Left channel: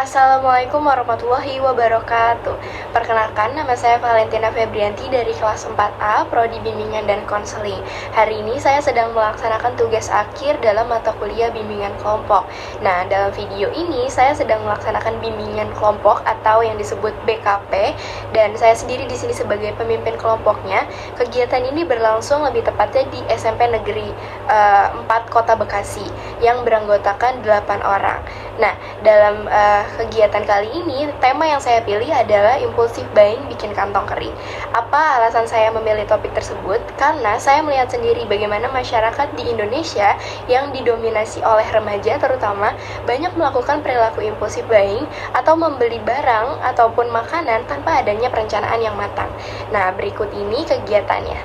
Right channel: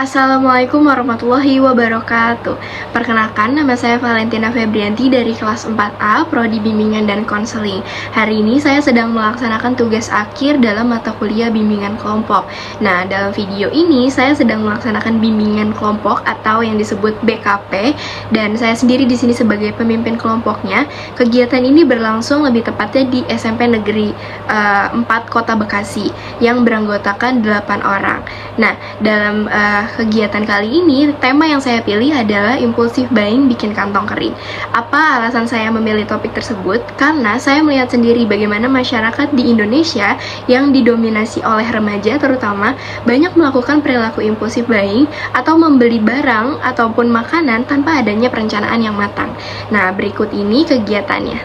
Assalamualaikum warahmatullahi wabarakatuh. Perkenalkan, nama saya Valentina Febrianti dari kelas 4A, Prodi Bimbingan dan Konseling. Hari ini saya sedang melaksanakan tugas akhir dalam mata kuliah bimbingan kelompok. Nah, dalam video ini saya sedang melaksanakan bimbingan kelompok atau yang disebut BKP, dan saya sendiri di sini sebagai pemimpin kelompoknya. Kegiatan ini berlangsung lebih tepatnya di SMP Negeri 4 Kota Bekasi yang beranggotakan 8 orang. Nah, dalam kegiatan kali ini, tema yang saya pilih adalah impulsif buying bikin kantong kering. Apa alasan saya memilih topik tersebut? Karena saya melihat sendiri bagaimana masyarakat di Indonesia yang didominasi oleh remaja terutama banyak melakukan perilaku impulsif buying atau membeli barang ataupun makanan tanpa adanya perencanaan yang matang. Nah, berikut ini kegiatannya.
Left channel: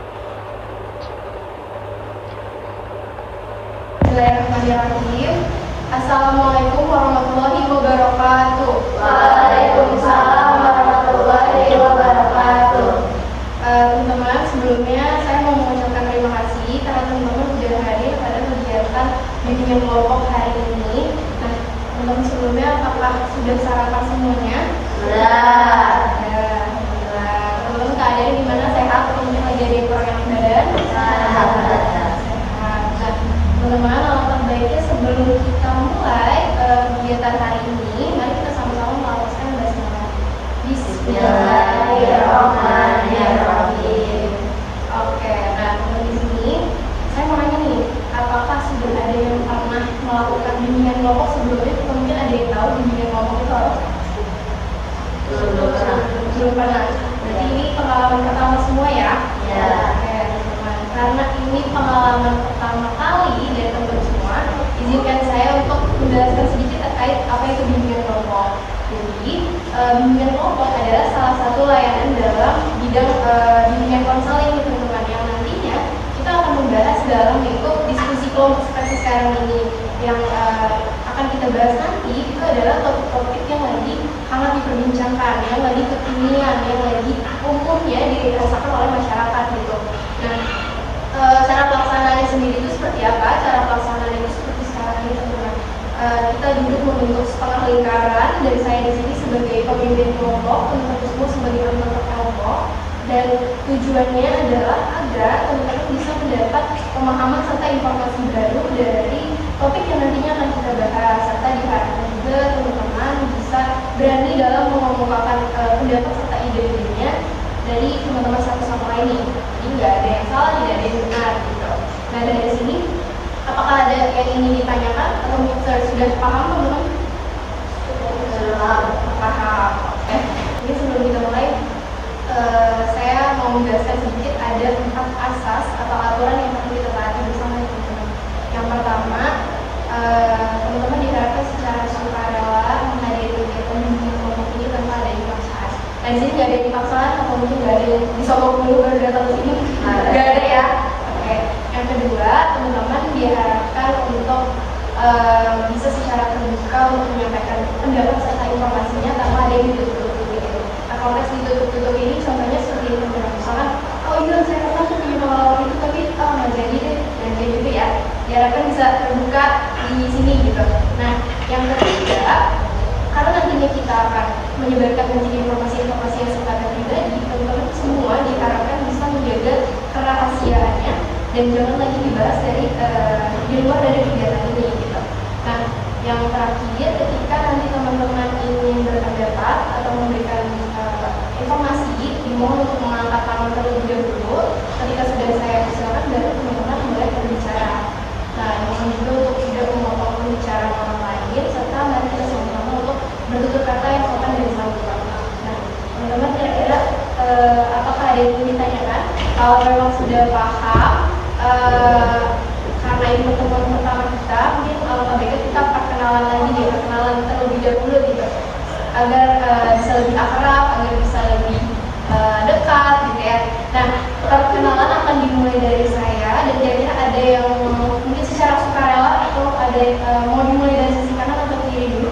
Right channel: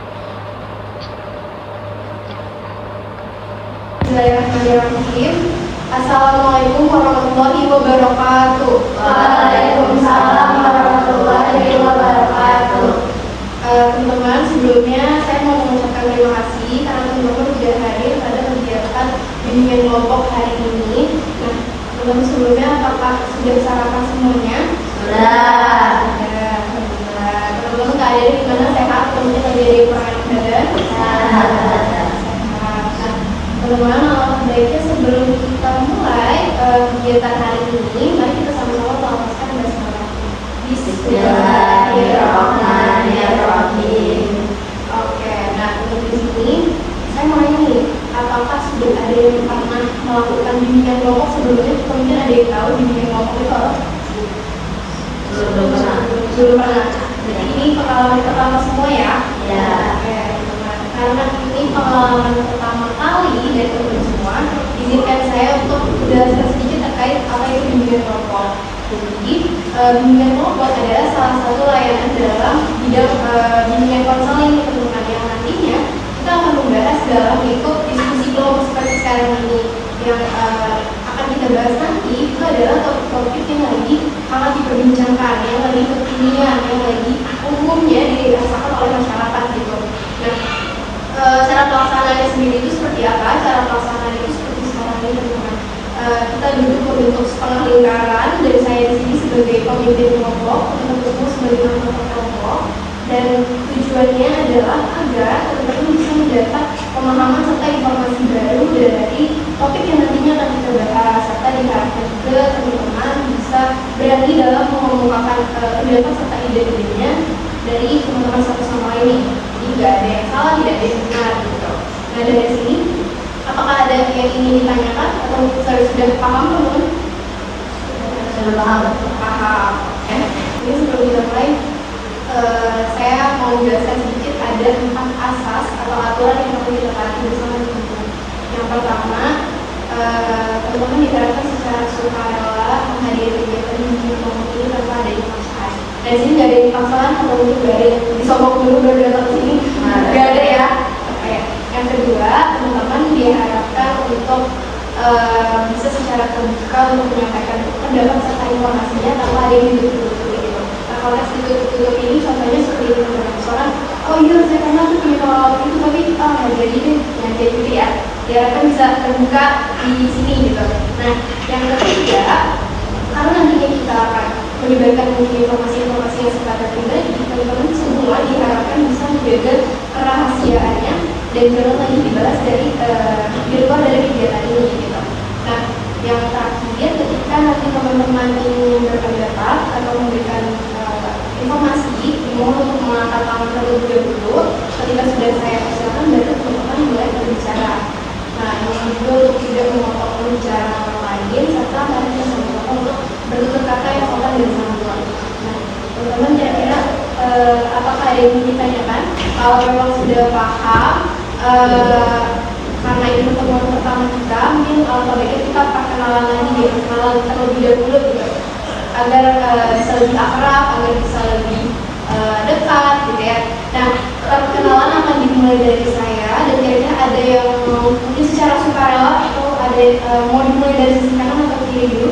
Bismillahirrahmanirrahim. Assalamualaikum warahmatullahi wabarakatuh. Waalaikumsalam warahmatullahi wabarakatuh. Teman-teman, sebelumnya saya mau mengucapkan terima kasih karena teman-teman sudah hadir pada kegiatan bimbingan kelompok hari ini. Nah, teman-teman sebelumnya apakah sudah sarapan semuanya? Sudah. Teman-teman keadaan di mana sehat? Teman-teman lagi ada yang kurang enak badan? Sehat. Teman-teman, alangkah baiknya sebelum kita mulai kegiatan hari ini, mari kita sama-sama melafazkan basmalah. Bismillahirrahmanirrahim. Oke, nah untuk di sini saya mau nanya nih, apakah sudah ada yang pernah melakukan bimbingan kelompok sebelumnya? Mungkin ada yang tahu bimbingan kelompok itu apa? Belum pernah. Belum pernah. Jadi ini pengalaman pertama semua ya? Ya. Oke. Karena ini pengalaman pertama kali dari teman semua, izinkan saya untuk menjelaskan sedikit terkait apa itu bimbingan kelompok. Jadi, bimbingan kelompok adalah salah satu layanan dalam bidang bimbingan konseling di teman-teman yang nantinya kita akan membahas dalam bentuk diskusi kelompok seperti sekarang ini. Yang akan kita bahas nanti itu adalah topik-topik yang lagi hangat diperbincangkan, yang lagi kekinian, yang lagi umumnya dirasakan oleh masyarakat gitu. Nah, cara pelaksanaannya sendiri itu seperti apa? Cara pelaksanaannya itu seperti sekarang ini teman-teman. Kita duduk membentuk setengah lingkaran, dari saya di sini sebagai pemimpin kelompok, teman-teman semua sebagai anggota kelompok, dan tujuannya adalah agar teman-teman bisa mendapat pemahaman serta informasi baru dari topik yang nantinya akan kita bahas, serta diharapkan juga teman-teman bisa berani dalam mengemukakan pendapat serta ide-idenya dari teman-teman satu sama lain. Jadi nggak ada yang salah, tidak ada yang benar gitu. Nah, dari sini apakah ada yang ingin ditanyakan atau sudah paham teman-teman? Sudah paham. Ya. Ini sebelum kita mulai, saya mau menjelaskan sedikit ada 4 asas atau aturan yang perlu kita taati bersama teman-teman. Yang pertama, teman-teman diharapkan secara sukarela menghadiri kegiatan bimbingan kelompok ini tanpa ada paksaan. Nah, di sini nggak ada yang paksaan atau mungkin nggak ada yang disogok dulu baru datang ke sini, nggak ada ya. Oke. Yang kedua, teman-teman diharapkan untuk bisa secara terbuka untuk menyampaikan pendapat serta informasinya tanpa ada yang ditutup-tutupi gitu. Nah, kalau tes ditutup-tutup ini contohnya seperti itu, misalkan, oh iya saya pernah tuh punya pengalaman itu tapi nggak jadi deh, yang kayak gitu ya. Diharapkan bisa terbuka di sini gitu. Nah, yang ketiga, karena nantinya kita akan menyebarkan mungkin informasi-informasi yang sifatnya pribadi, teman-teman semua diharapkan bisa menjaga kerahasiaannya dan jangan lagi dibahas di luar dari kegiatan ini gitu. Nah, yang terakhir, ketika nanti teman-teman ingin berpendapat atau memberikan informasi, dimohon untuk mengangkat tangan terlebih dahulu. Ketika sudah saya persilakan, baru teman-teman mulai berbicara. Nah, mohon juga untuk tidak memotong pembicaraan orang lain, serta mari kita sama-sama untuk bertutur kata yang sopan dan sambungan. Nah, teman-teman kira-kira apakah ada yang ingin ditanyakan? Kalau memang sudah paham, karena ini pertemuan pertama kita, mungkin alangkah baiknya kita perkenalan lagi deh, perkenalan terlebih dahulu gitu, agar bisa lebih akrab, agar bisa lebih dekat gitu ya. Nah, perkenalan akan dimulai dari saya, dan kira-kira ada yang mau mungkin secara sukarela atau ada mau dimulai dari sisi kanan atau kiri dulu?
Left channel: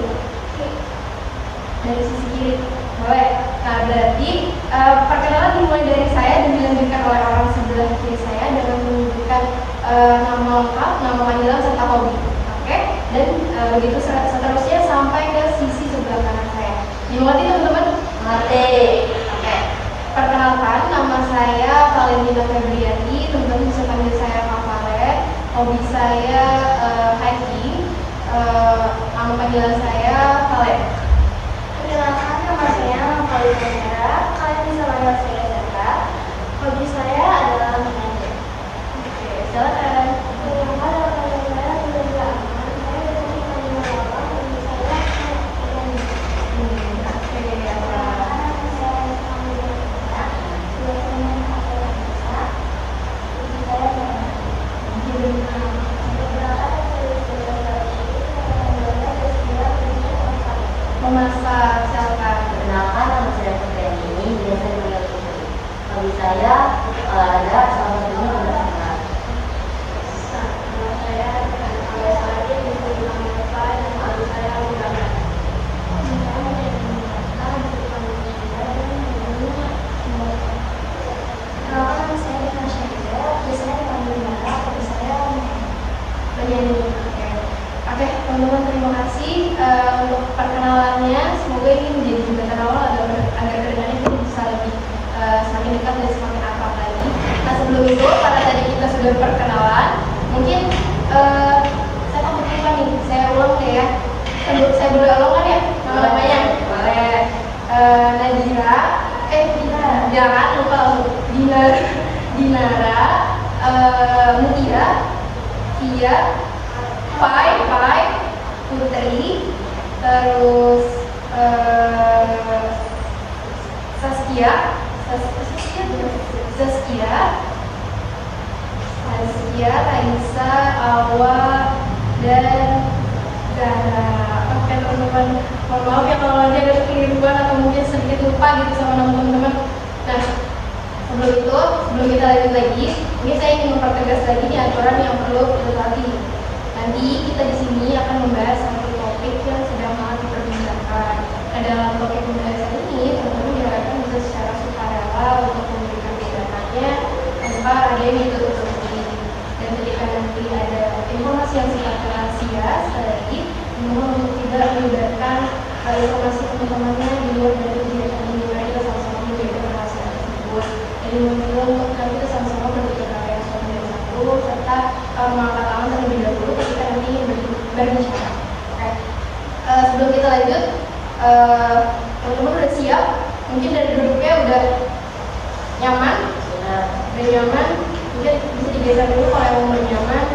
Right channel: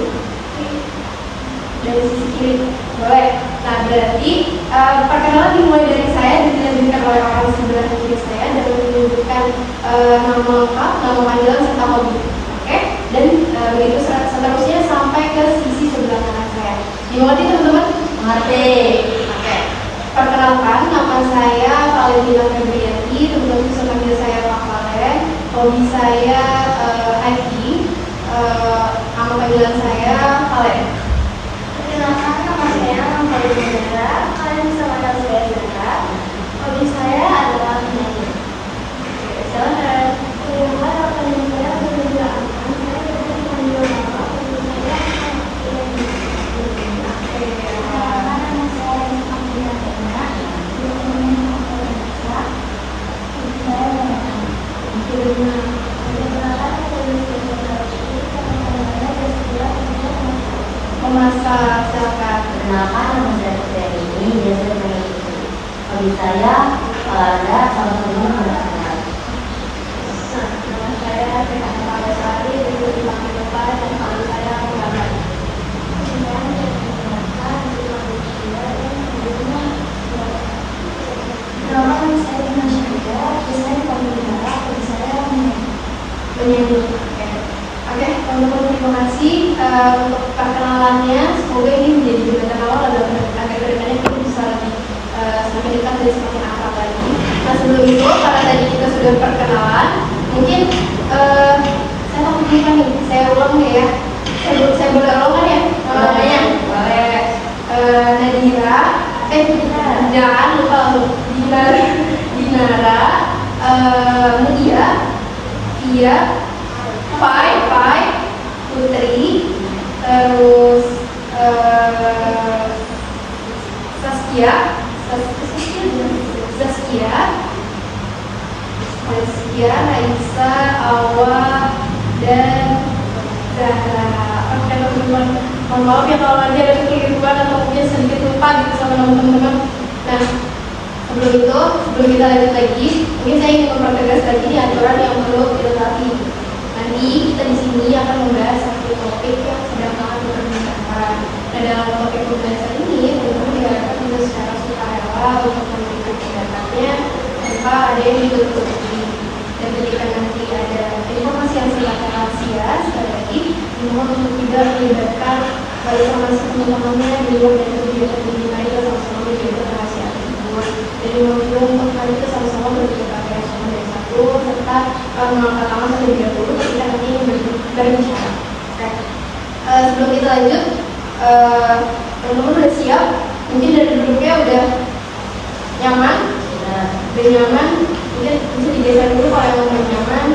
Dari sisi kiri, boleh. Nah, berarti perkenalan dimulai dari saya dan dilanjutkan oleh orang sebelah kiri saya dengan menyebutkan nama lengkap, nama panggilan serta hobi. Oke? Dan begitu seterusnya sampai ke sisi sebelah kanan Namaste. Oke. Perkenalkan, nama saya Valentina Febrianti, teman-teman bisa panggil saya Kak Valen. Hobi saya hiking, nama panggilan saya Valen. Perkenalkan, nama saya Ramadi Negara. Kalian bisa panggil saya Zara. Hobi saya adalah menyanyi. Oke, silakan. Perkenalkan, apa yang saya sudah aman. Saya seperti panggil nama. Hobi saya Oke, perkenalkan, nama saya Ramadi Negara. Biasanya aku biasa. Hobi saya menyanyi. Perkenalkan, saya sudah memasak, silakan. Perkenalkan, nama saya Putri ini, biasanya mengikuti. Hobi saya olahraga, salah satunya menggunakan. Nama saya Rehan Palesari, itu dipanggil Bapak, dan nama saya Menggambar. Perkenalkan, nama saya Dina Syahida, biasanya dipanggil Dara, hobi saya Penyanyi. Oke, teman-teman terima kasih untuk perkenalannya. Semoga ini menjadi jembatan awal agar kedepannya kita bisa lebih semakin dekat dan semakin akrab lagi. Nah sebelum itu, karena tadi kita sudah perkenalan, mungkin saya takut lupa nih. Saya ulang deh ya. Saya boleh ulang kan ya nama-namanya? Boleh. Nadira, jangan lupa langsung. Dinara, Mutia, Via, Pai, Putri, terus Saskia, Raisa, Awa, dan Zahra. Oke teman-teman, mohon maaf ya kalau nanti ada kekeliruan atau mungkin sedikit lupa gitu sama nama teman-teman. Nah, sebelum kita lanjut lagi, mungkin saya ingin mempertegas lagi nih aturan yang perlu dilengkapi. Nanti kita di sini akan membahas satu topik yang sedang akan diperbincangkan. Nah, dalam topik pembahasan ini, teman-teman diharapkan bisa secara sukarela untuk memberikan pendapatnya tanpa ada yang ditutup-tutupi. Dan ketika nanti ada informasi yang sifatnya rahasia, sekali lagi dimohon untuk tidak melibatkan informasi teman-temannya di luar dari kegiatan ini. Mari kita sama-sama menjaga rahasia tersebut. Dan dimohon juga untuk nanti kita sama-sama menjaga KPS dari satu serta mengangkat tangan terlebih dahulu ketika nanti berbicara. Oke. Sebelum kita lanjut, teman-teman udah siap? Mungkin dari duduknya udah nyaman? Udah nyaman? Mungkin bisa digeser dulu kalau yang udah nyaman.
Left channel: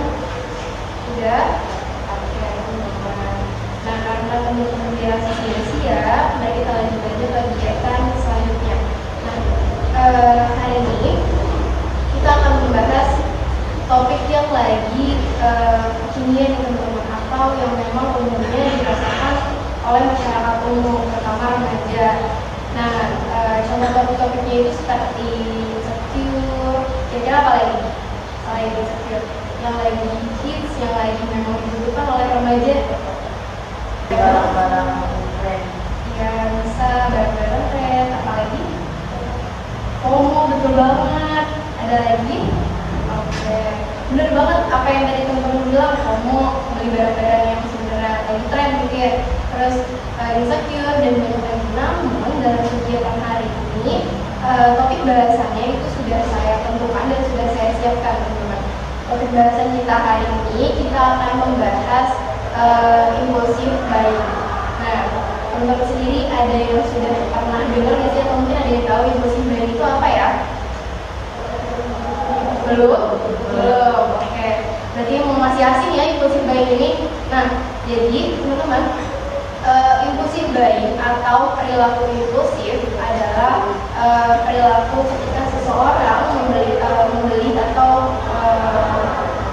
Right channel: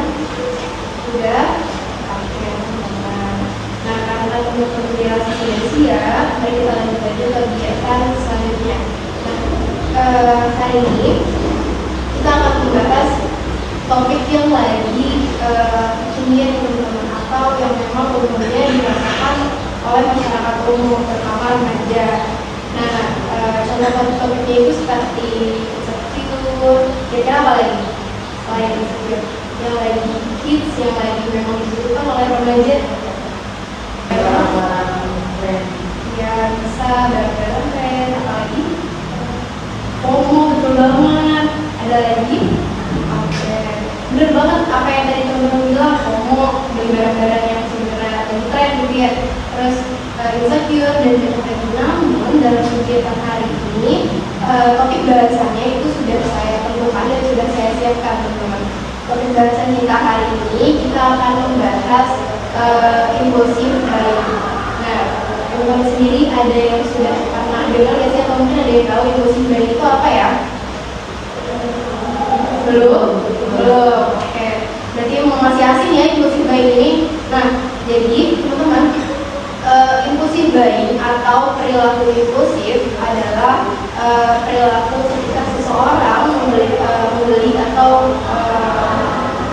Udah? Oke, teman-teman. Nah, karena teman-teman dirasa sudah siap, mari kita lanjut aja ke kegiatan selanjutnya. Nah, hari ini kita akan membahas topik yang lagi kekinian nih teman-teman, atau yang memang umumnya dirasakan oleh masyarakat umum, terutama remaja. Nah, contoh topik-topiknya itu seperti insecure, kira-kira apa lagi? Selain insecure, yang lagi hits, yang lagi memang dibutuhkan oleh remaja. Barang-barang brand. Ya, bisa barang-barang brand, apalagi? Oh, betul banget. Ada lagi? Oke, bener banget apa yang tadi teman-teman bilang, FOMO, beli barang-barang yang sebenarnya lagi tren gitu ya. Terus insecure dan macam-macam. Namun dalam kegiatan hari ini topik bahasannya itu sudah saya tentukan dan sudah saya siapkan teman-teman. Topik bahasan kita hari ini kita akan membahas impulsif buying. Nah, teman-teman sendiri ada yang sudah pernah dengar nggak sih, atau mungkin ada yang tahu impulsif buying itu apa ya? Belum? Oke. Berarti masih asing ya impulsif buying ini. Nah, jadi teman-teman, impulsif buying atau perilaku impulsif adalah perilaku ketika seseorang membeli atau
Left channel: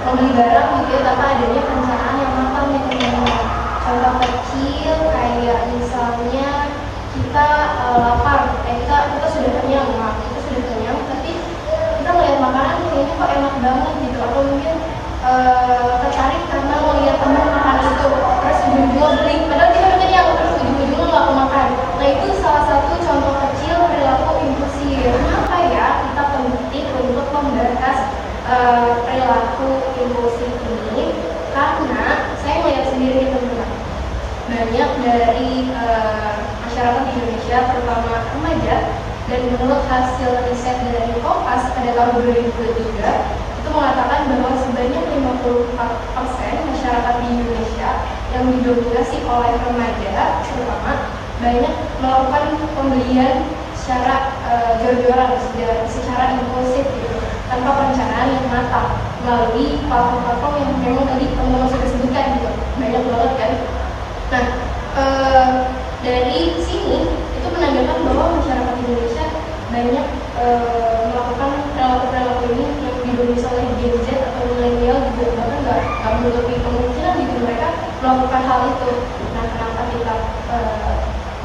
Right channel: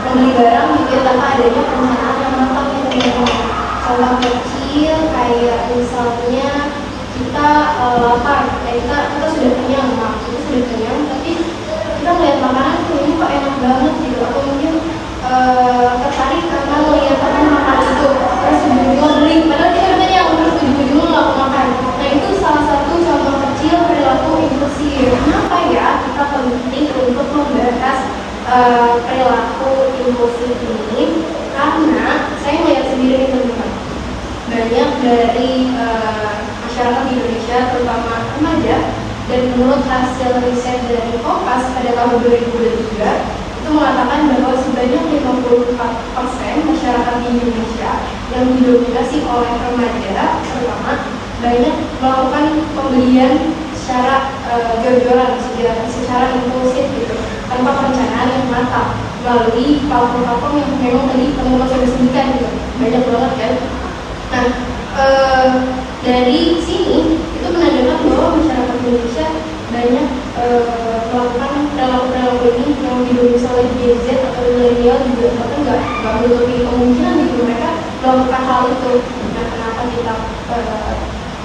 membeli barang gitu ya, tanpa adanya perencanaan yang matang ya teman-teman. Contoh kecil kayak misalnya kita lapar, kita sudah kenyang, tapi kita melihat makanan ini kok enak banget gitu, atau mungkin tertarik karena melihat teman makan itu, terus ujung-ujungnya beli, padahal kita udah kenyang, terus ujung-ujungnya nggak mau makan. Nah, itu salah satu contoh kecil perilaku impulsif. Kenapa ya kita penting untuk membahas perilaku impulsif ini? Karena saya melihat sendiri nih teman-teman, banyak dari masyarakat di Indonesia Indonesia, terutama remaja. Dan menurut hasil riset dari Kompas pada tahun 2023 itu mengatakan bahwa sebanyak 54% masyarakat di Indonesia yang didominasi oleh remaja terutama banyak melakukan pembelian secara jor-joran, secara impulsif gitu, tanpa perencanaan yang matang melalui platform-platform yang memang tadi teman-teman sudah sebutkan gitu, banyak banget kan. Nah, dari sini itu menandakan bahwa masyarakat Indonesia banyak melakukan perilaku-perilaku ini yang didominasi oleh Gen Z atau milenial juga, bahkan nggak menutupi kemungkinan gitu mereka melakukan hal itu. Nah, kenapa kita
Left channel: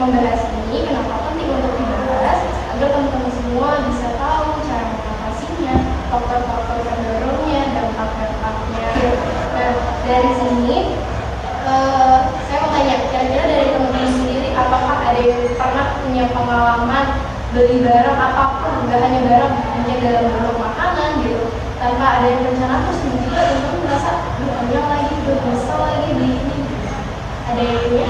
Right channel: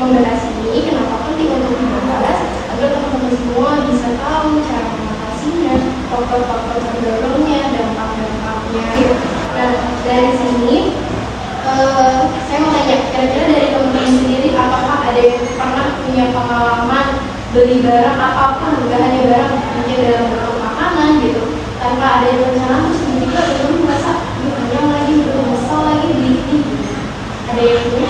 membahas ini, kenapa penting untuk dibahas agar teman-teman semua bisa tahu cara mengatasinya, faktor-faktor pendorongnya, dampak-dampaknya. Nah, dari sini saya mau tanya, kira-kira dari teman-teman sendiri apakah ada yang pernah punya pengalaman beli barang apapun, nggak hanya barang, mungkin dalam bentuk makanan gitu, tanpa ada yang rencana, terus tiba-tiba teman-teman merasa kenyang lagi, nyesal lagi beli ini. Ada yang punya?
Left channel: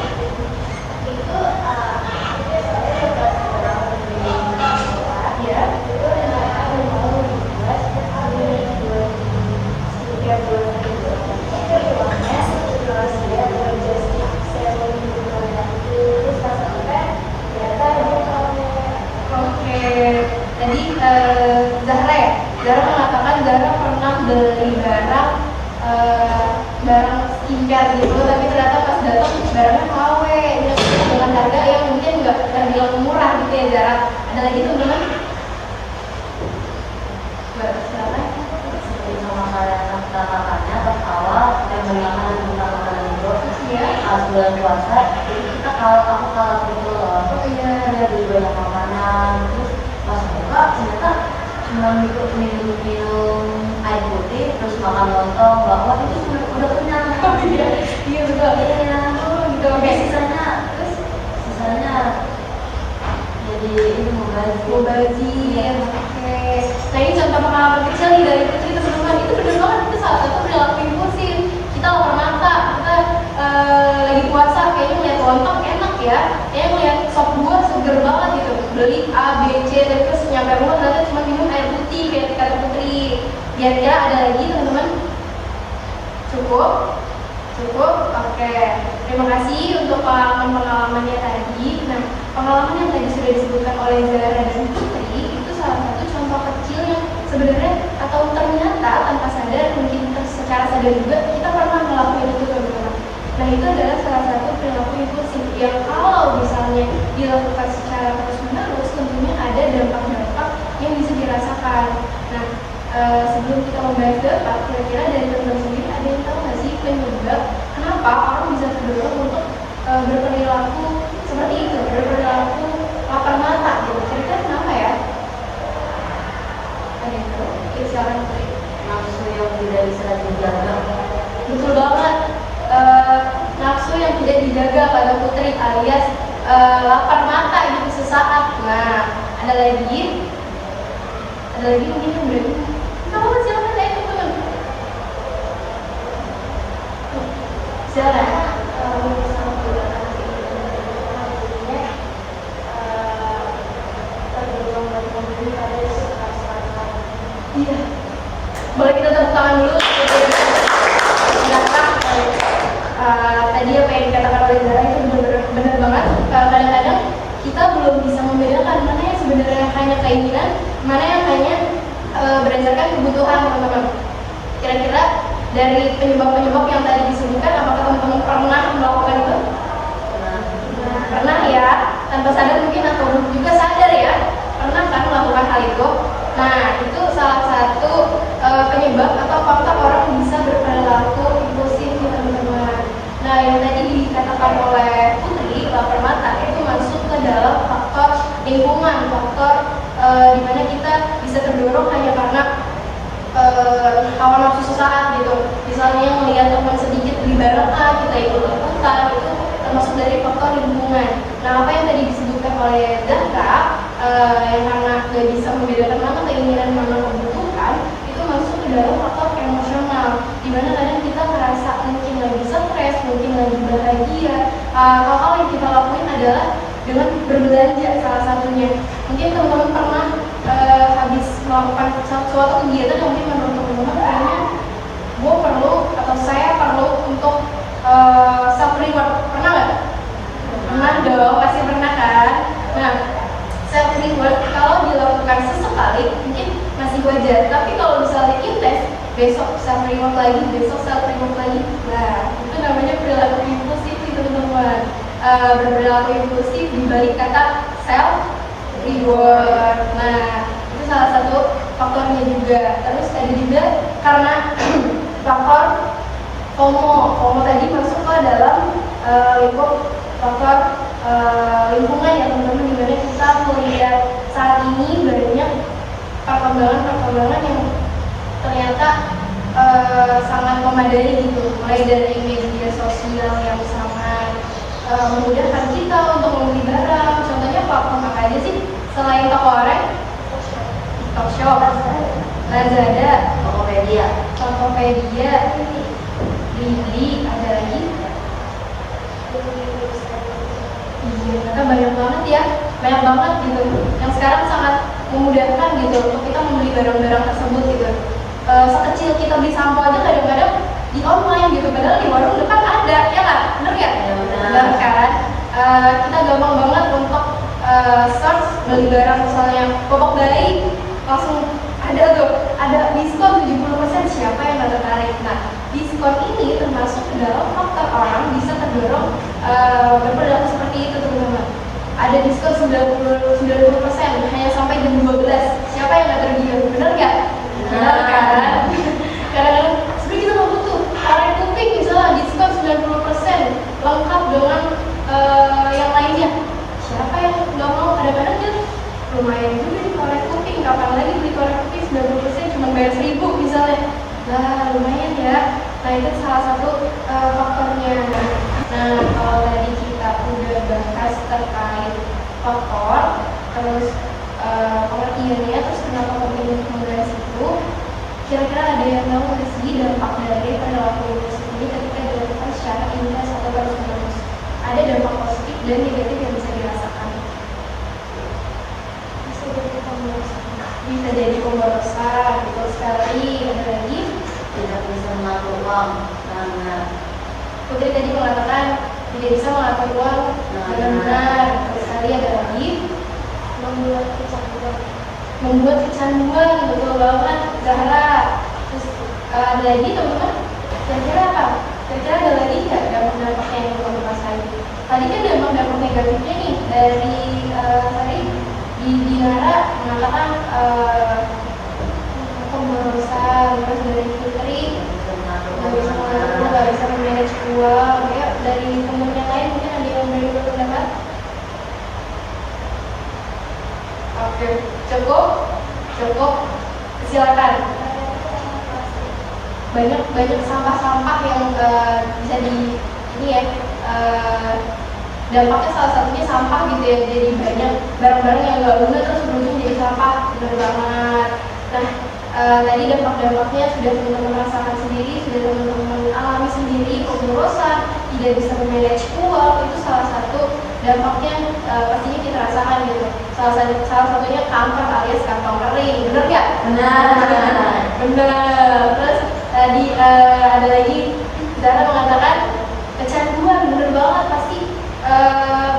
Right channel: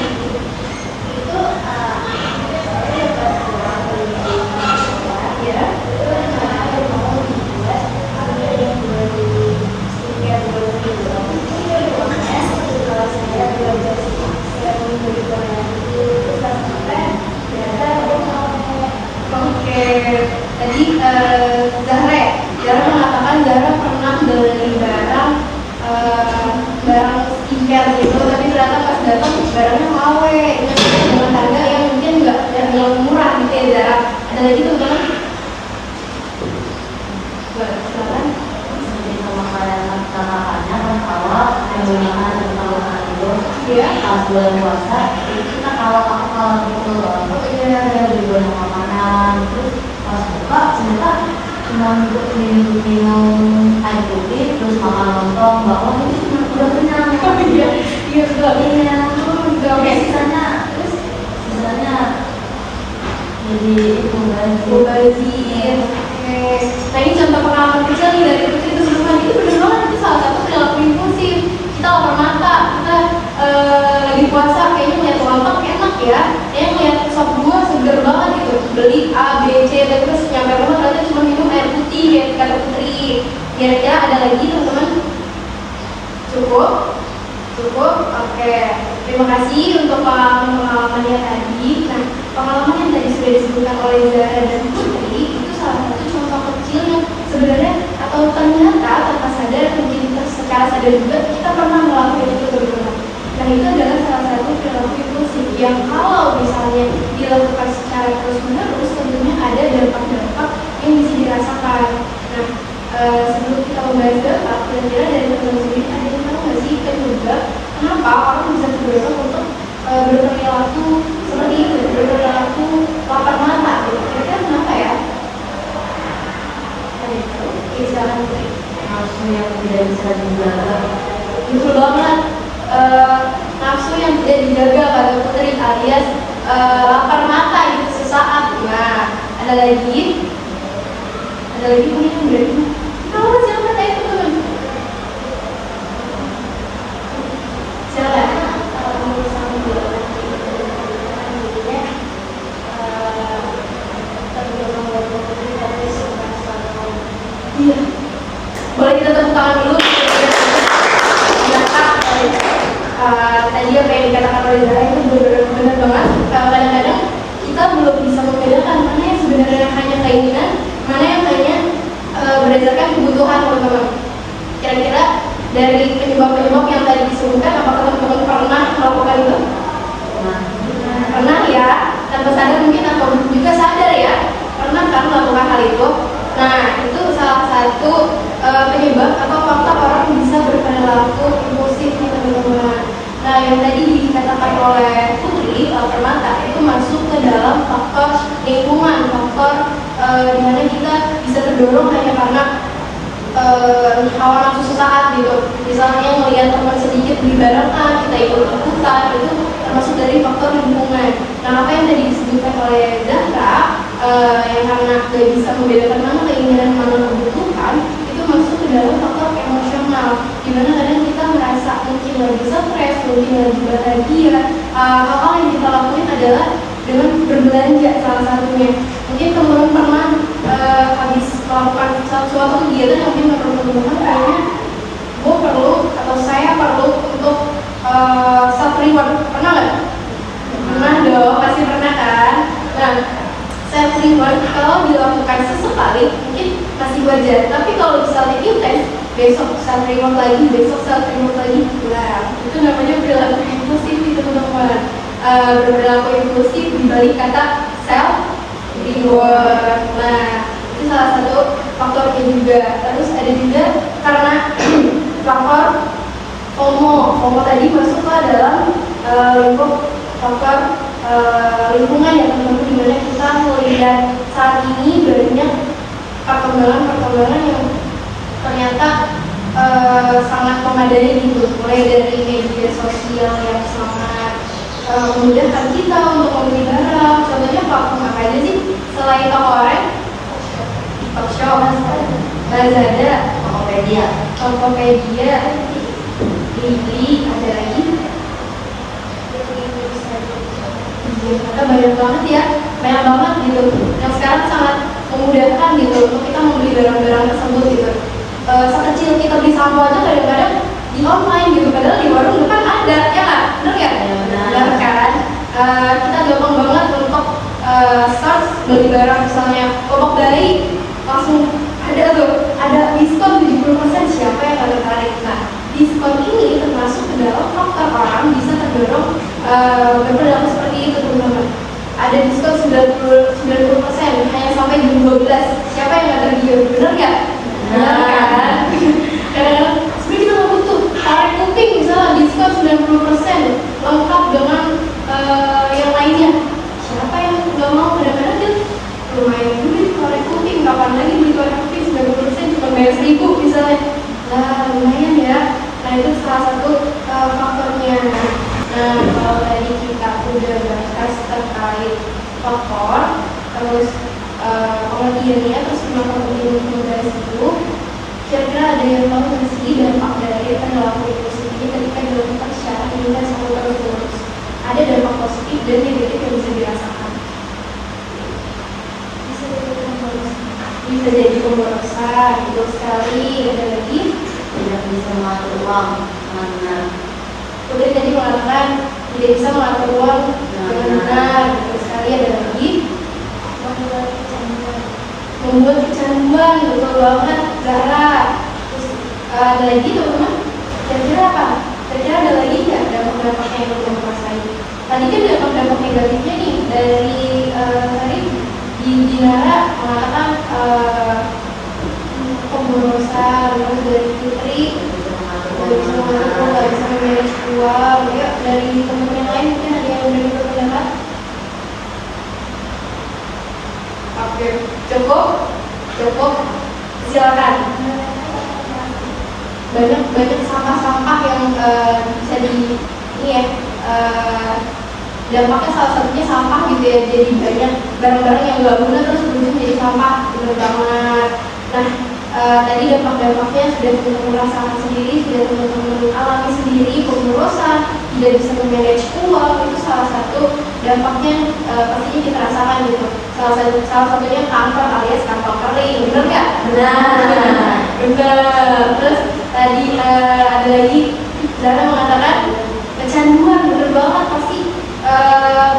Itu saya pas pulang dari sekolah Ya. ada mau dibuat sehingga bulan kedua uangnya kalau saya belajar saya menjadi itu pas sampai ternyata dia mau Oke, tadi Zahra mengatakan Zahra pernah beli barang skincare gitu, tapi ternyata pas datang barangnya KW dengan harga yang mungkin nggak terbilang murah gitu ya Zahra. Ada lagi teman-teman? Boleh, silakan. Jadi sama kayak makannya pas awal saya beli makanan dulu Iya. pas bulan puasa kita kalau gitu loh. Saya beli banyak makanan terus pas buka ternyata cuma minum air putih terus makan lontong bakwan ini udah kenyang. Iya betul. Iya. Gitu, oke. Sisanya jadi Mubazir. Oke. Nah ini contoh pengalaman kecil nih dari Putri teman-teman. Itu benar banget, itu salah satu perilaku impulsif. Kita lapar mata, kita lagi puasa kayaknya ngeliat lontong enak ya, kayaknya ngeliat sop buah seger banget gitu, beli A, B, C, dan terus nyampe rumah ternyata cuma minum air putih kayak kata Putri. Kira-kira ada lagi teman-teman? Cukup? Oke. Terima kasih untuk pengalamannya tadi. Nah, pengalaman yang tadi sudah disebutkan oleh Zahra dan Putri itu salah satu contoh kecil yang sebenarnya atau ternyata tanpa sadar, mungkin secara sadar juga kita pernah melakukan itu teman-teman. Nah, itu adalah salah satu perilaku impulsif yang kalau misalnya dilakukan secara terus-menerus tentunya ada dampak-dampak yang bisa dirasakan. Nah, sebelum kita membahas dampak, kira-kira dari teman-teman sendiri ada yang tahu nggak sih penyebab kenapa orang bisa terdorong untuk berperilaku seperti itu, berperilaku lapar mata gitu? Kira-kira kenapa ya? Ada itu, silakan Putri. nafsu yang tidak bisa dijaga. Betul banget. Nafsu yang tidak dijaga pada Putri alias lapar mata gitu sesaat. Nah, ada lagi mungkin yang berani. Kalau silakan saya itu teman. Silakan. kalau bisa membuatkan jadinya terbilang buat mobil tapi sekarang Iya. Boleh kita tepuk tangan dulu. Tadi apa yang dikatakan oleh Zahra itu benar banget. Kadang-kadang kita belum bisa membedakan mana yang sebenarnya hanya keinginan, mana yang hanya berdasarkan kebutuhan teman-teman. Kira-kira dari penyebab-penyebab yang tadi disebutkan, apakah teman-teman pernah melakukan itu? Pernah ya, tanpa sadar mungkin atau juga sadar ya, pernah kan melakukan hal itu. Nah, itu salah satu penyebab atau faktor orang bisa berperilaku impulsif nih teman-teman. Nah, yang tadi dikatakan oleh Putri, lapar mata itu masuk ke dalam faktor lingkungan, faktor dimana kita bisa terdorong hanya karena hawa nafsu sesaat gitu. Misalnya melihat teman sedikit beli barang A, kita ikut-ikutan, itu termasuk dari faktor lingkungan. Nah, apa yang tadi disebutkan oleh Zahra, yang karena gak bisa membedakan mana keinginan mana kebutuhan, itu masuk ke dalam faktor emosional, dimana kadang kita merasa mungkin lagi stres, mungkin lagi bahagia, hal-hal yang kita lakuin adalah dengan berbelanja salah satunya. Mungkin teman-teman pernah habis melakukan suatu kegiatan yang mungkin menurut teman-teman kayaknya gue perlu atau saya perlu untuk self reward. Pernah nggak? Pernah dong, pasti pernah kan? Nah, self reward kalau dilakukan sesekali mungkin masih wajar, tapi kalau misalnya intens, besok self reward lagi, besok self reward lagi, nah itu namanya perilaku impulsif nih teman-teman. Perilaku impulsif dibalik kata self reward. Nah, itu salah satu faktornya juga. Terus ada juga karena faktor FOMO tadi masuk ke dalam lingkup faktor lingkungan ya teman-teman, dimana kita melihat saat ini banyak perkembangan yang ternyata sangat memadai gitu, mulai dari media sosial yang sangat memudahkan kita untuk membeli barang. Contohnya platform apa aja sih selain Tokopedia, TikTok Shop, Lazada, Tokopedia, Blibli, ada lagi? Iya, banyak banget ya, banyak banget gitu. Yang sekarang sangat memudahkan gitu untuk kita membeli barang-barang tersebut gitu. Sekecil kita beli sampo aja kadang-kadang di online gitu, padahal di warung depan ada, ya nggak? Bener ya? Benar kan? Kita gampang banget untuk search beli barang, misalnya popok bayi, langsung ada tuh, ada diskon 70%, siapa yang nggak tertarik? Nah, diskon ini termasuk ke dalam faktor orang bisa terdorong berperilaku seperti itu teman-teman. Ada diskon 90% hanya sampai jam 12, siapa yang nggak tergiur? Bener nggak? Benar kan? Kadang-kadang sebenarnya kita nggak butuh tarik kuping misalnya diskon 90% lengkap dengan yang lainnya. Siapa yang nggak mau? Kadang-kadang dia lumayan juga di korek kuping, kapan lagi beli korek kuping 90% cuma bayar 1.000 misalnya. Lah lumayan ya. Nah itu salah satu faktornya. Nah kalau tadi kita udah bahas terkait faktor, terus pengertiannya, terus kenapa penting untuk membahas itu, kira-kira ada yang tahu nggak sih dampak dari perilaku impulsif ini ketika dilakukan secara intens atau terus-menerus? Ada dampak positif dan negatif yang bisa dirasakan. Bisa jadi pemborosan, betul sekali. Ada lagi? Tidak bisa mengatur uang, sangat benar. Kemudian tadi mengatakan tidak bisa mengatur uang dengan benar, betul sekali. Ada lagi? Membuat kecanduan, betul banget, Zahra. Terus ada lagi teman-teman? Kira-kira apa? Kira-kira ada lagi nggak dampak-dampaknya yang teman-teman rasain? Tadi kan dampak-dampak negatifnya nih dari tadi Dinara mengatakan pemborosan, terus dari Putri nggak bisa memanage uang, ya dari teman-teman yang lain mungkin ada yang udah berpendapat? Oke, cukup, silakan. Banyak sampah-sampah yang bisa di ini ya. Dampaknya salah satunya sampah gitu ya, jadi banyak barang-barang yang nggak guna terus berujung jadi sampah, benar banget. Nah tadi dampak-dampaknya sudah teman-teman rasakan sendiri, sudah teman-teman alami sendiri, pemborosan, tidak bisa memanage uang, itu salah satu dampaknya pastinya kita rasakan gitu. Salah satunya kanker alias kantong kering, benar nggak? Benar. Terus tadi ada lagi Zara mengatakan kecanduan, benar banget, pasti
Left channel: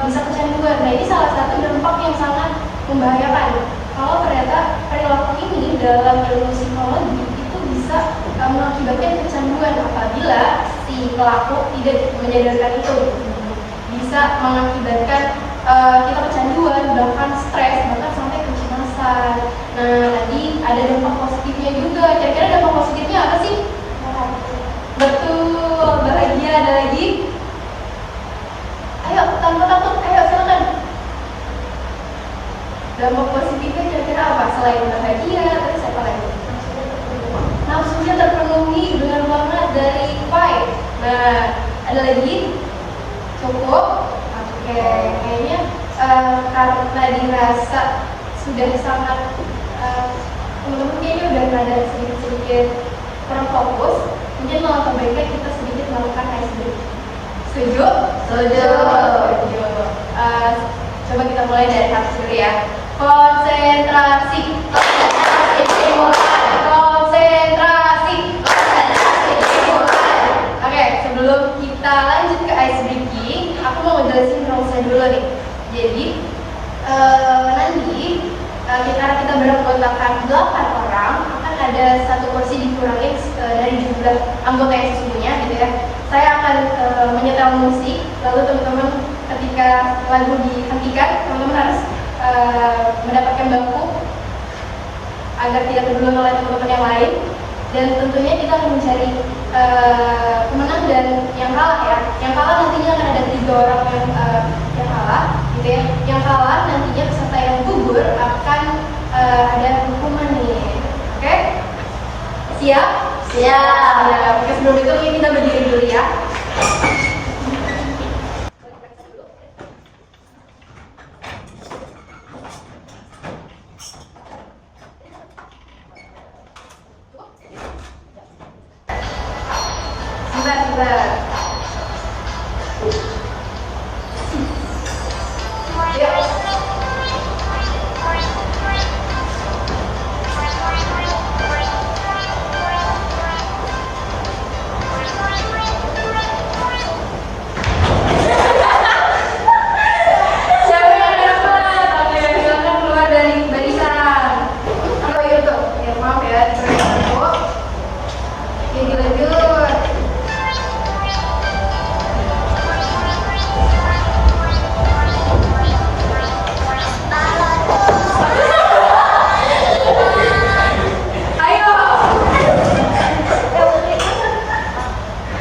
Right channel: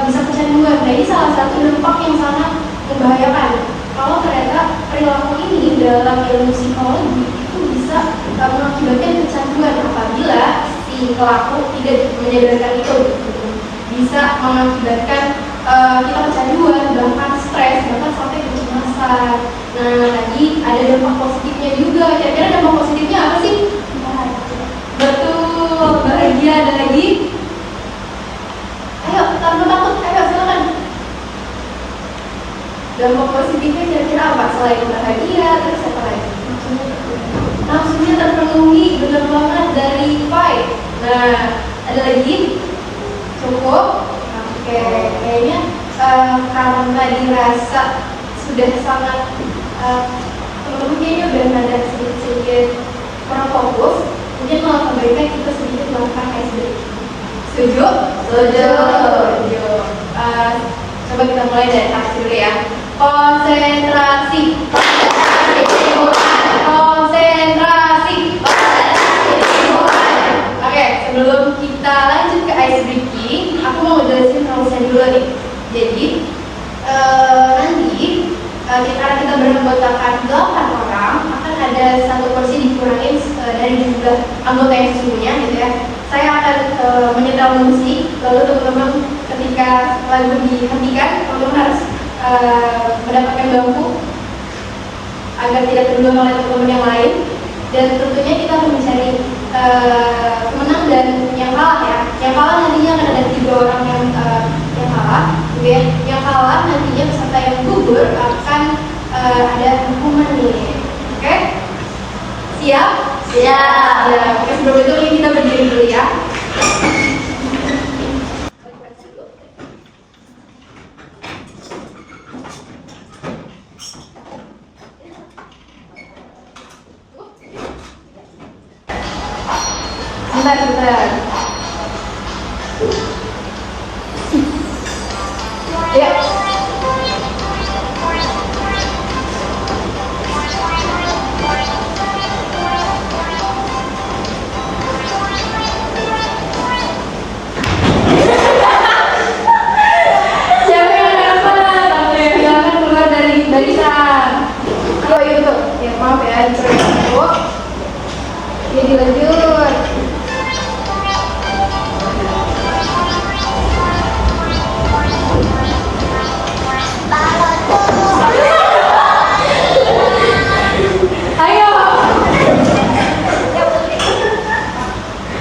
bisa kecanduan. Nah ini salah satu dampak yang sangat membahayakan. Kalau ternyata perilaku ini dalam ilmu psikologi itu bisa mengakibatkan kecanduan apabila si pelaku tidak menyadarkan itu, bisa mengakibatkan kita kecanduan, bahkan stres, bahkan sampai kecemasan. Nah tadi ada dampak positifnya juga. Kira-kira dampak positifnya apa sih? Betul, bahagia. Ada lagi? Ayo, tanpa takut, ayo silakan. Dampak positifnya kira-kira apa? Selain bahagia, terus apa lagi? Nafsunya terpenuhi, benar banget, dari Pai. Nah, ada lagi? Cukup? Oke, kayaknya karena dirasa sudah sangat teman-teman kayaknya udah ada sedikit kurang fokus, mungkin malah baiknya kita sedikit melakukan icebreaking. Setuju? Setuju. Coba kita mulai dari atas dulu ya. Konsentrasi. Konsentrasi. Oke, sebelum kita lanjut ke ice breaking, aku mau ngejelasin rulesnya dulu nih. Jadi nanti karena kita beranggotakan 8 orang, akan ada satu porsi dikurangin dari jumlah anggota yang sesungguhnya gitu ya. Saya akan menyetel musik, lalu teman-teman ketika lagu dihentikan, teman-teman harus mendapatkan bangku agar tidak keduluan oleh teman-teman yang lain. Dan tentunya kita akan mencari pemenang dan yang kalah ya. Yang kalah nantinya akan ada 3 orang yang kalah, gitu ya. Yang kalah nantinya peserta yang gugur akan ada hukuman nih. Oke? Siap? Siap. Ya. Oke, sebelum itu kita berdiri dulu ya. Sebentar. Ya. Siapa yang dapat? Silakan keluar dari barisan. Oh iya tuh. Ya maaf ya, terus. Jadi lanjut. Ayo.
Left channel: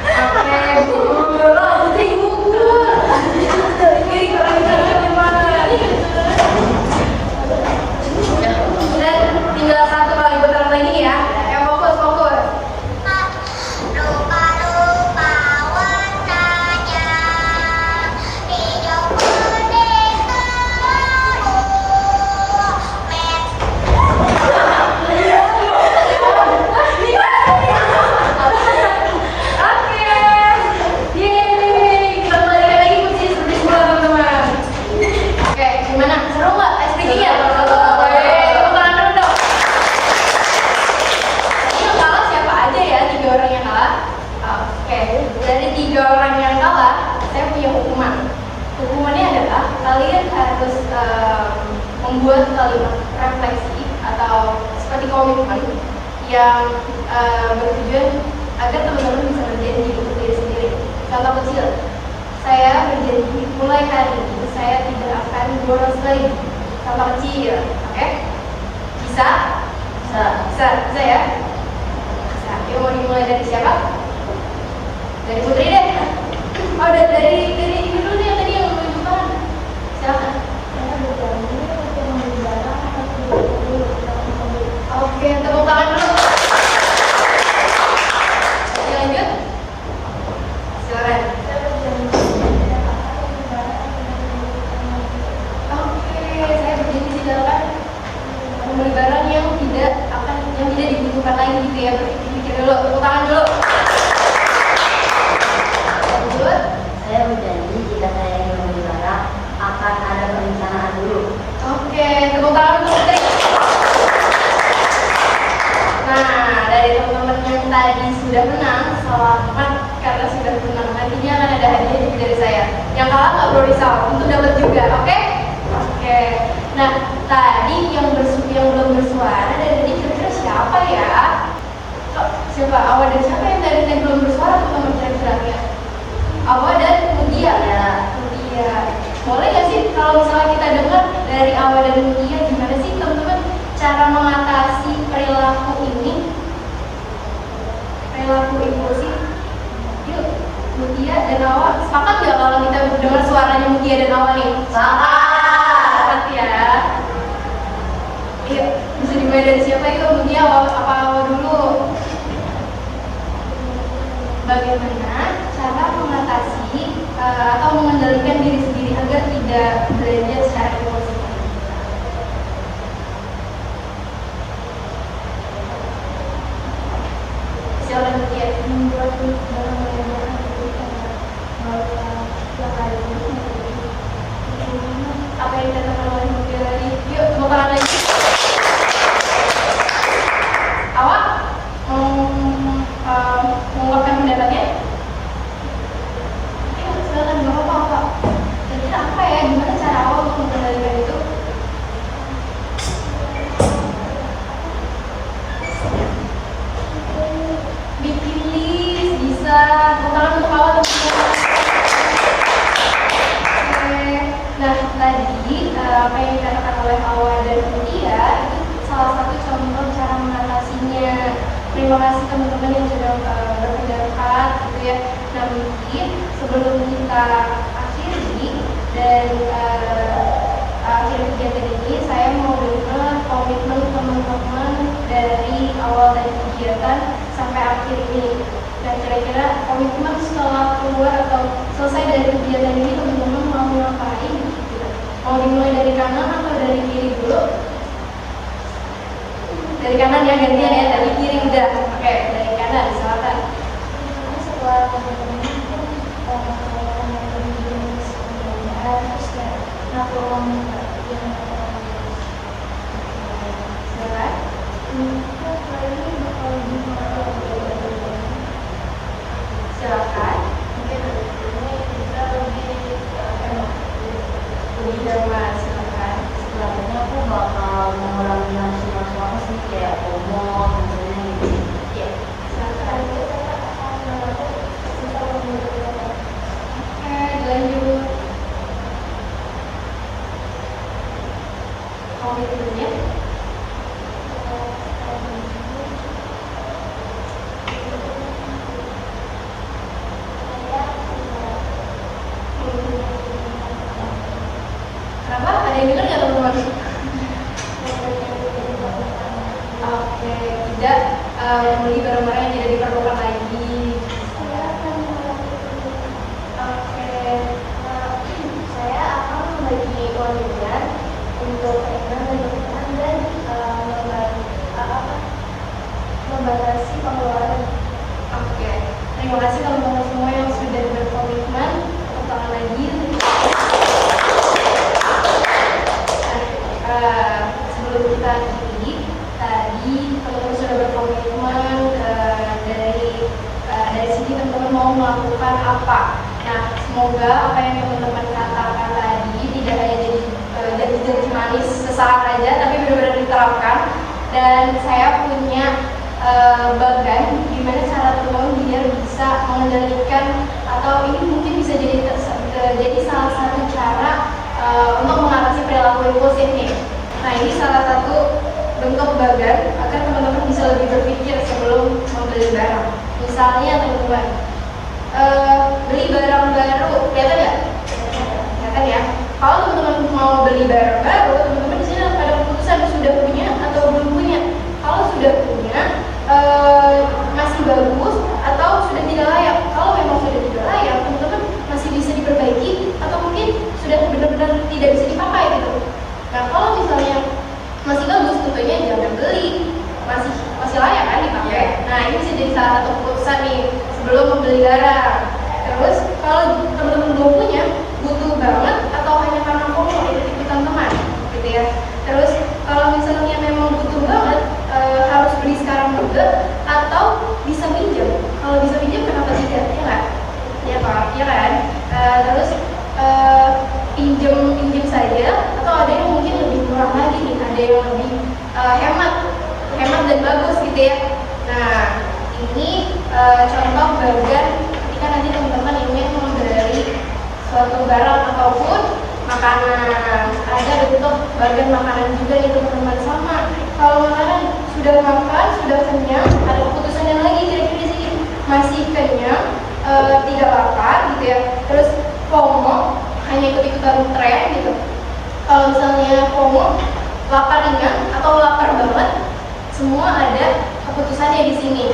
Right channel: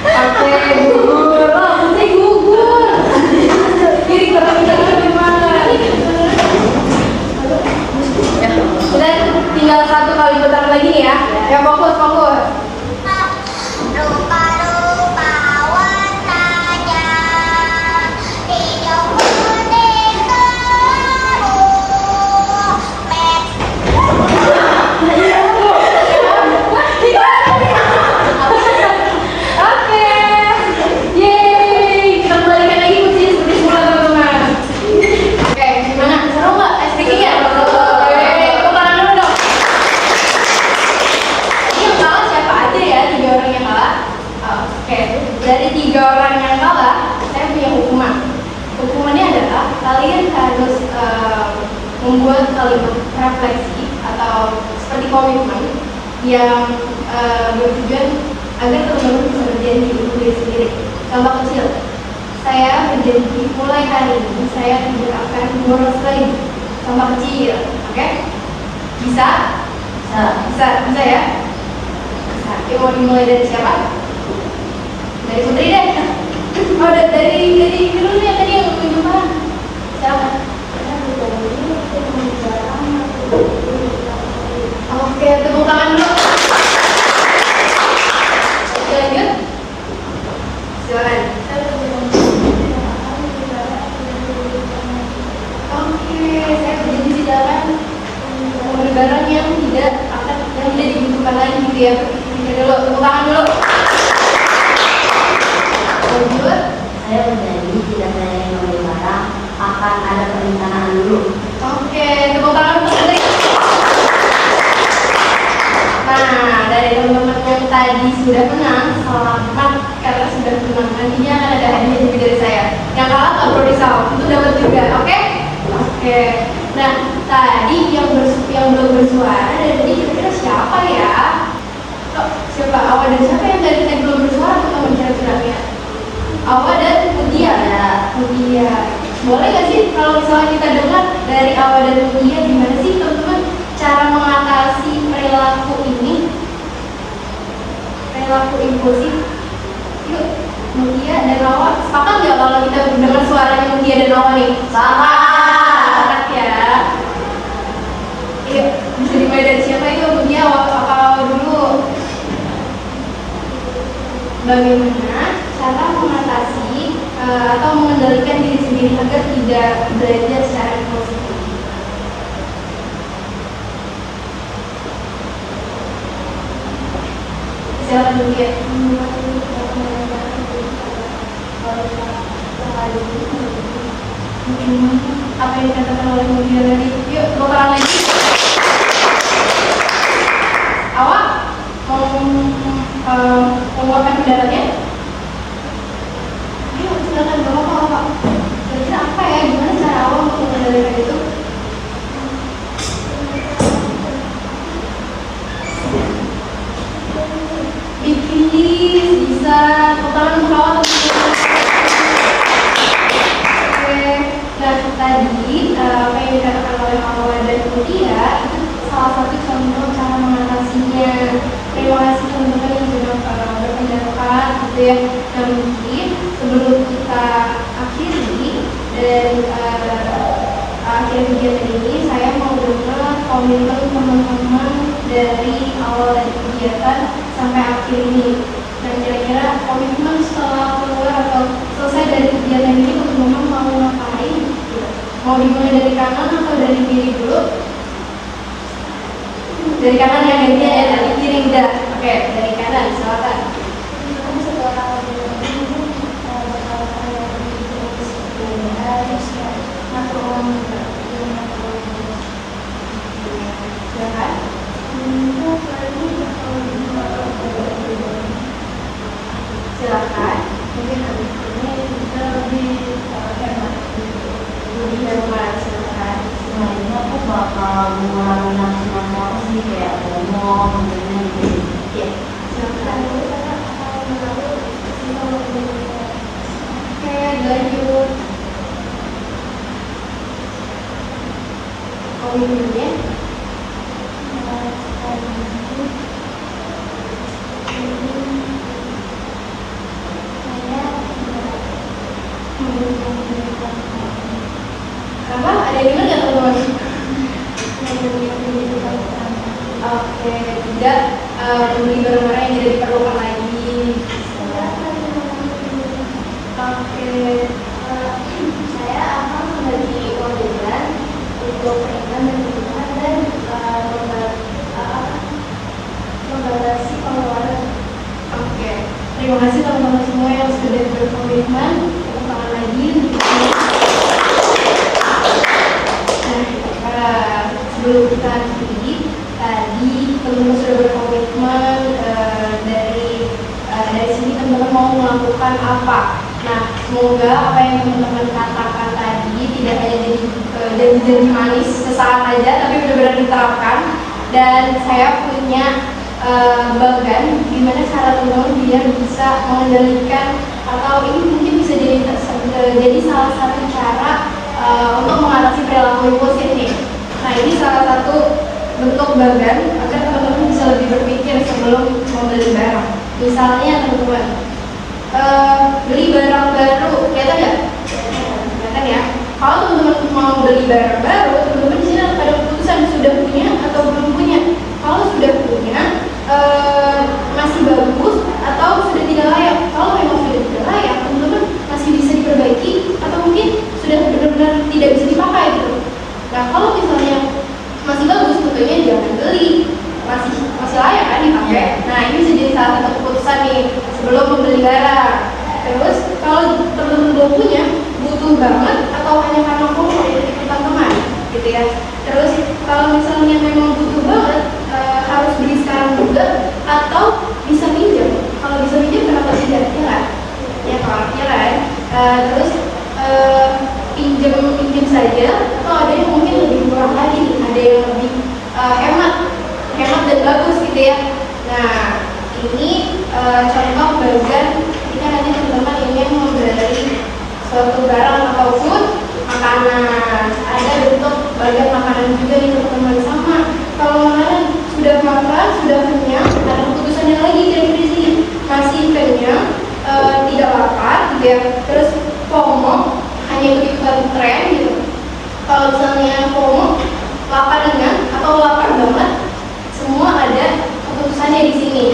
Oke, gugur. Oh, mesti gugur. Jadi kalau ini gimana? Dan tinggal 1 kali bentar lagi nih ya. Ya fokus. Rupa-rupa warnanya, hijau kuning Oke. Yeay. Kita balikan lagi kuncinya seperti semula teman-teman. Oke, gimana? Seru nggak? Ice breaking ya? Oke, tepuk tangan dulu dong. Tadi yang kalah siapa aja ya? 3 orang yang kalah. Oke, dari 3 orang yang kalah, saya punya hukuman. Hukumannya adalah kalian harus membuat kalimat refleksi atau seperti komitmen yang bertujuan agar teman-teman bisa berjanji untuk diri sendiri. Contoh kecil, saya berjanji mulai hari ini saya tidak akan boros lagi. Contoh kecil, oke? Bisa ya? Bisa. Yuk, mau dimulai dari siapa? Dari Putri deh. Oh, dari dulu nih tadi yang menunjukkan. Silakan. Oke, tepuk tangan dulu. Lanjut. Silakan. Oke, saya berjanji tidak akan membeli barang yang tidak dibutuhkan lagi gitu ya. Pikir dulu, tepuk tangan dulu. Lanjut. Saya berjanji tidak hanya membeli barang, akan ada perencanaan dulu. Oke, tepuk tangan untuk Putri. Nah, dari teman-teman yang tadi sudah menang, selamat karena sudah menang. Nantinya akan ada hadiah juga dari saya. Yang kalah nggak perlu risau, itu dapat juga, oke? Oke. Nah, tadi yang belum bersuara dari tadi kira-kira siapa ya? Siapa? Awa dan siapa yang tadi belum bersuara teman-teman kira-kira? Awa dan Mutia ya. Mutia. Boleh nggak sih kalau misalnya kita dengar dari Awa dan Mutia gimana sih teman-teman cara mengatasi perilaku impulsif? Yuk, Mutia dan Awa sepakat nggak kalau kita dengar suaranya Mutia dan Awa nih? Sepakat ya. Yuk, bisa dimulai dari siapa itu? Mutia apa Awa dulu? Bagaimana cara mengatasi atau mengendalikan diri sendiri agar tidak belajar secara impulsif? Silakan Mutia. apa yang dikatakan oleh Mutia tadi. Yuk, tepuk tangan lagi. Awak mau mengungkapkan pendapatnya? Ayo, silakan berngomong. Kira-kira apa ya? Gimana cara awak untuk mengendalikan itu? Bikin list bisa. Tepuk tangan untuk awak, teman-teman. Nah, tadi apa yang dikatakan oleh Awa dan Mutia itu salah satu contoh cara mengatasinya. Terima kasih teman-teman yang sudah berpendapat gitu ya. Nah, mungkin sebelum kita akhiri dan akhir kegiatan ini, saya mau dengar komitmen teman-teman dari awal dari kegiatan sampai akhir ini. Nah, kira-kira komitmen setelah keluar atau selesai dari kegiatan ini teman-teman mau ngapain? Mau dimulai dari kanan atau dari kiri dulu? Dari kanan ya, gantian ya, dari kiri udah. Oke, dari kanan, silakan. Setelah Silakan. Silakan. mungkin habis ini bisa lebih hemat. Lebih hemat, silakan. Sebenarnya aku bakal mengurangi nafsu apa sih, kayak ngomong gitu. Iya, silakan. Oke, dilanjut. Komitmennya. Kenapa? Ada yang dengar nggak teman-teman? Oke, tidak membeli barang-barang yang tidak diperlukan lagi. Oke, Saya akan membagi uang jajan untuk keringan dan kebutuhan dan membatasi pengeluaran. oke. Terima kasih teman-teman semua yang sudah berkomitmen. Tepuk tangan lagi. Nah, sebelum kita akhiri, tadi teman-teman sudah berkomitmen dari sini teman-teman mau melakukan apa. Nah, semoga apa yang teman-teman katakan tadi tidak hanya jadi janji-janji manis sesaat aja, tapi benar-benar diterapkan. Dan saya punya bagan gimana cara teman-teman biar bisa mengendalikan, atau ini mungkin bisa jadi salah satu cara untuk mengatasi perilaku impulsif nih. Nah, ini salah satu bentuk bagan agar teman-teman bisa lebih berpikir sebelum membeli barang. Misalnya teman-teman beli barang baru, kelihatan nggak? Kelihatan ya. Kalau teman-teman mau beli barang baru, teman-teman di sini ada keputusan sudah punya atau belum punya. Kalau sudah punya, masih bagus atau sudah tidak layak. Kalau memang sudah tidak layak, teman-teman masih bisa diperbaiki atau mungkin sudah benar-benar tidak bisa dipakai gitu. Nah, kalau misalnya masih bagus, tentunya jangan beli. Masih layak kan dipakai. Nah, ini bisa jadi salah satu keputusan nih sebelum membeli barang. Terus kalau teman-teman belum punya, butuh banget atau hanya karena FOMO ikut-ikutan teman gitu ya. Terus kalau misalnya memang butuh banget, harus beli sekarang juga atau bisa pinjam. Kalau bisa pinjam kenapa tidak? Ya kan? Ya kan? Terus pinjam saja, atau ada yang mungkin lebih murah lagi nih, ada yang lebih hemat dan bagus gitu ya. Nah, ini contoh bagan ketika nanti teman-teman ingin membeli suatu barang ataupun makanan. Ada bentuk bagan makanan juga nih teman-teman. Sama kalau makanan sudah makan, sudah kenyang, ada keputusannya lagi kira-kira di sini. Masih kenyang, tidak lapar gitu ya. Terus FOMO, hanya ikut-ikutan tren gitu. Kalau misalnya FOMO, lapar ringan atau lapar banget, semua ada keputusannya di sini.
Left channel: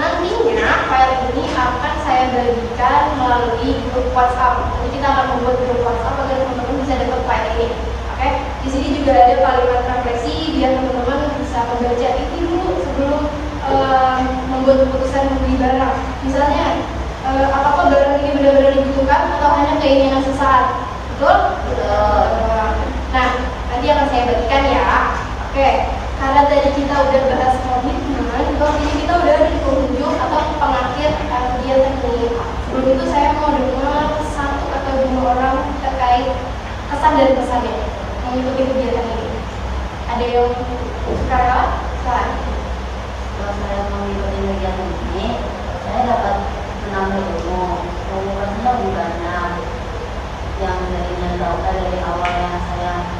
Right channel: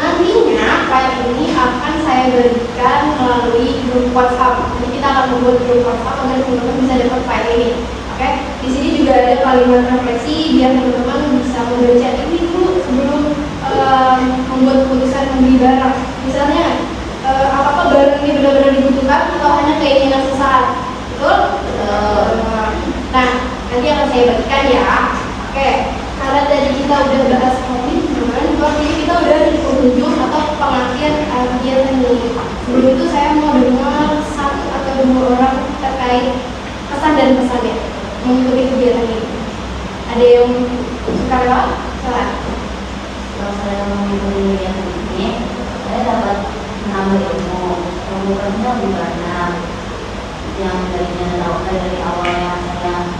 Nantinya file ini akan saya berikan melalui grup WhatsApp. Nanti kita akan membuat grup WhatsApp agar teman-teman bisa dapat file ini. Oke, di sini juga ada kalimat refleksi biar teman-teman bisa membaca ini dulu sebelum membuat keputusan membeli barang. Misalnya, apakah barang ini benar-benar dibutuhkan atau hanya keinginan sesaat? Betul? Nah, nanti akan saya bagikan ya. Oke, karena tadi kita udah bahas komitmen, artinya kita udah ada di penghujung atau pengakhir kegiatan ini. Sebelum itu saya mau dengar satu atau dua orang terkait kesan dan pesannya mengikuti kegiatan ini. Ada yang suka lewat? Silahkan. Kalau saya mengikuti kegiatan ini, saya dapat menambah ilmu. Ilmunya lebih banyak. Yang tadinya dari awal yang saya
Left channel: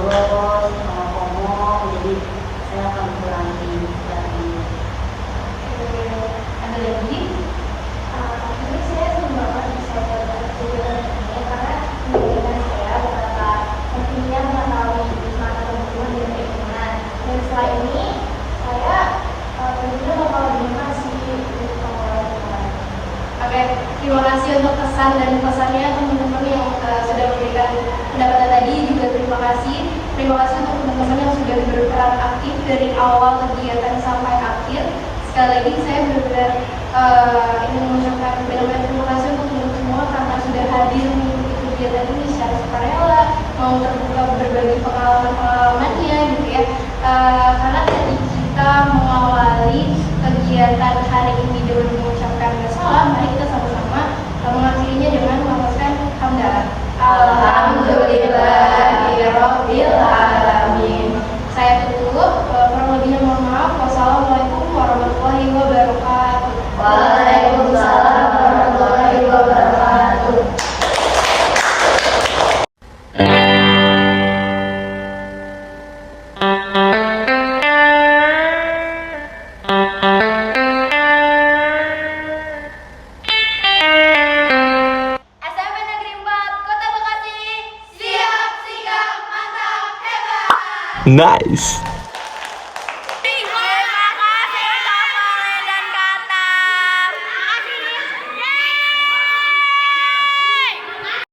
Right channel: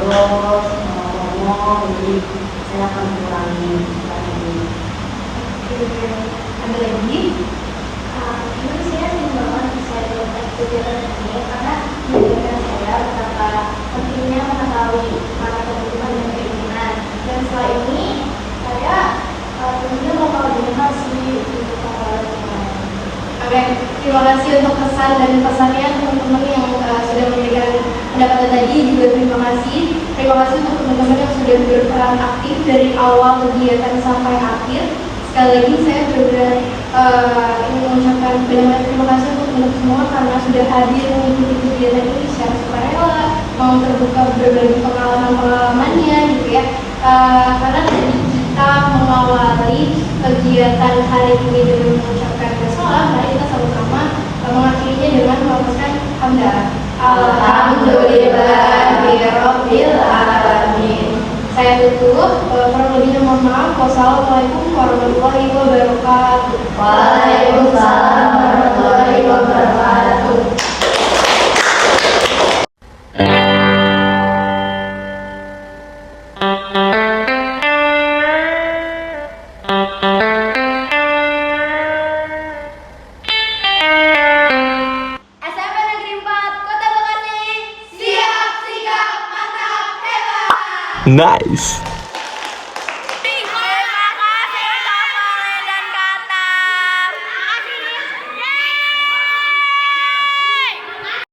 ngurus, ngomong, jadi saya akan mengurangi ini. Ada lagi? Menurut saya senang banget bisa ikut kegiatan ini karena memberikan saya betapa pentingnya mengetahui makna kebutuhan dan keinginan. Dan setelah ini saya tentunya bakal berinovasi untuk pengelolaan lingkungan. Oke, terima kasih untuk kesan dan pesannya teman-teman yang sudah memberikan pendapatan tadi. Juga terima kasih untuk teman-teman yang sudah berperan aktif dari awal kegiatan sampai akhir. Sekali lagi saya benar-benar ingin mengucapkan banyak terima kasih untuk teman-teman semua karena sudah hadir mengikuti kegiatan ini secara sukarela, mau terbuka berbagi pengalaman-pengalamannya gitu ya. Karena tadi kita mengawali kegiatan hari ini dengan mengucapkan bersolat, mari kita sama-sama mengakhirinya dengan melafazkan hamdalah. Alhamdulillahirabbil alamin. Saya tutup, kurang lebihnya mohon maaf. Wassalamualaikum warahmatullahi wabarakatuh. Waalaikumsalam warahmatullahi wabarakatuh. SMP Negeri 4 Kota Bekasi, siap, sigap, mantap, hebat. Nice.